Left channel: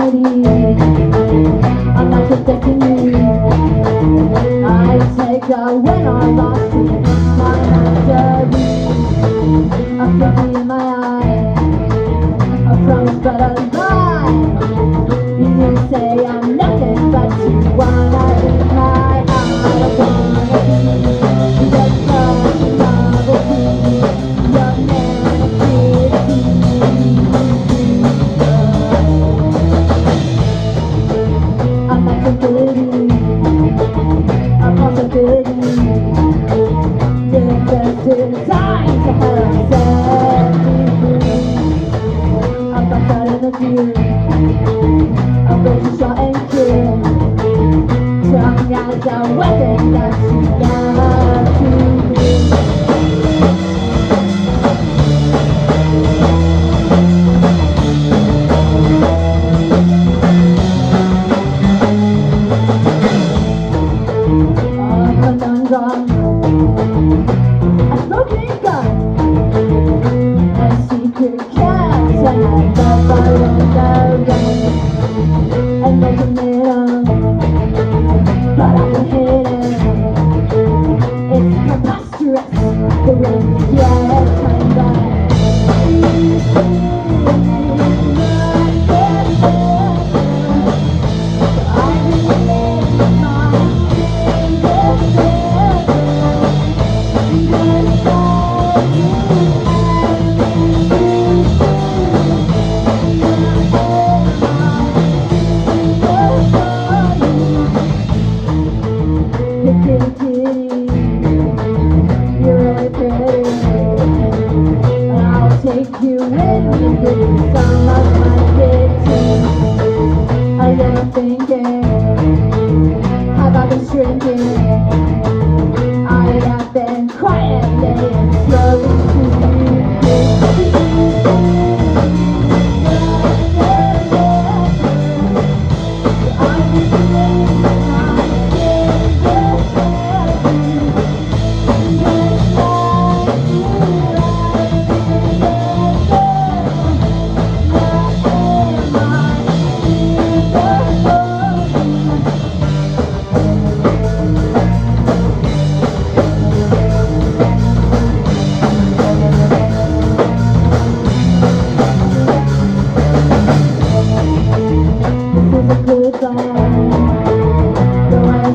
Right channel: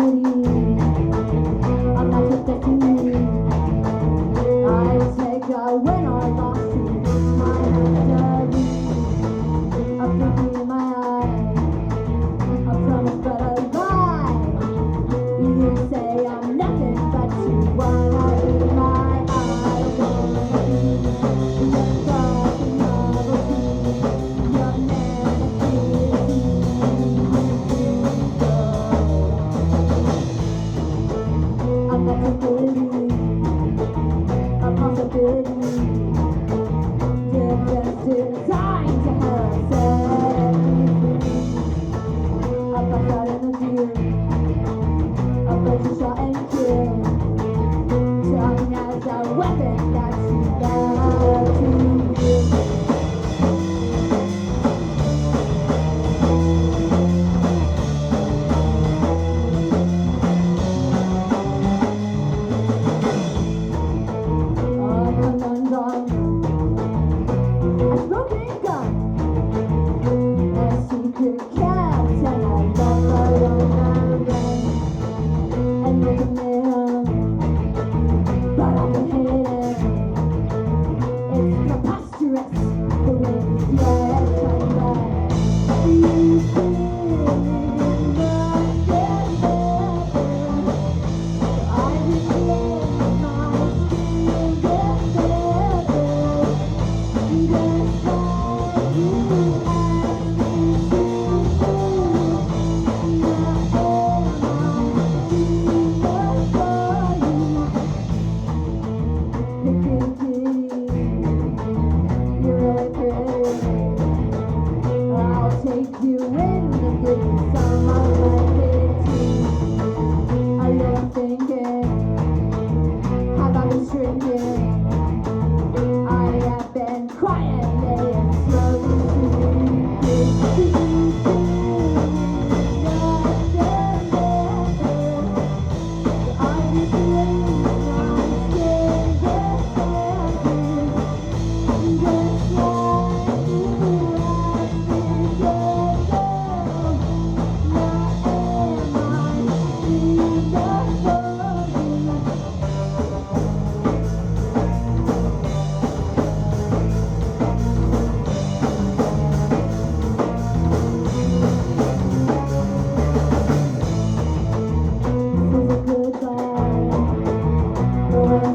infinity. I'm not protecting you. I take a win or loss to my mastery. A figure in my eye, a promise but a lie. You say I'm nothing but you wanna be my I don't wanna be the fucking novelty, your manifesting. I'm not tranquility, a possibility. Just designed to have set me free. I'm outside of you, I'm going to shot and kill. Tongue as a weapon that you got to use. A conundrum, a smoking gun, a secret camp, and I never in the rain. And making it but I can hit it. It's preposterous the way you get time back. Kitty, kitty, you're really pretty. I'll take you in and give you some of my kitty. A little thinking, have I been shrinking? I have been quietly and slowly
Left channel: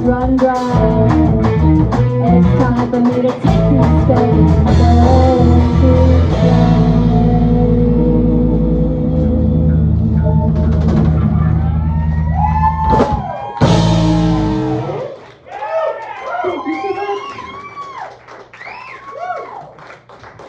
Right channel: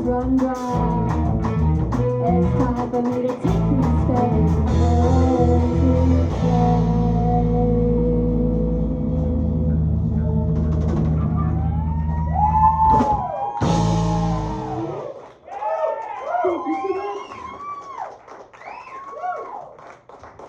run dry. It's time for me to take my space and learn to fly. Thank you so much.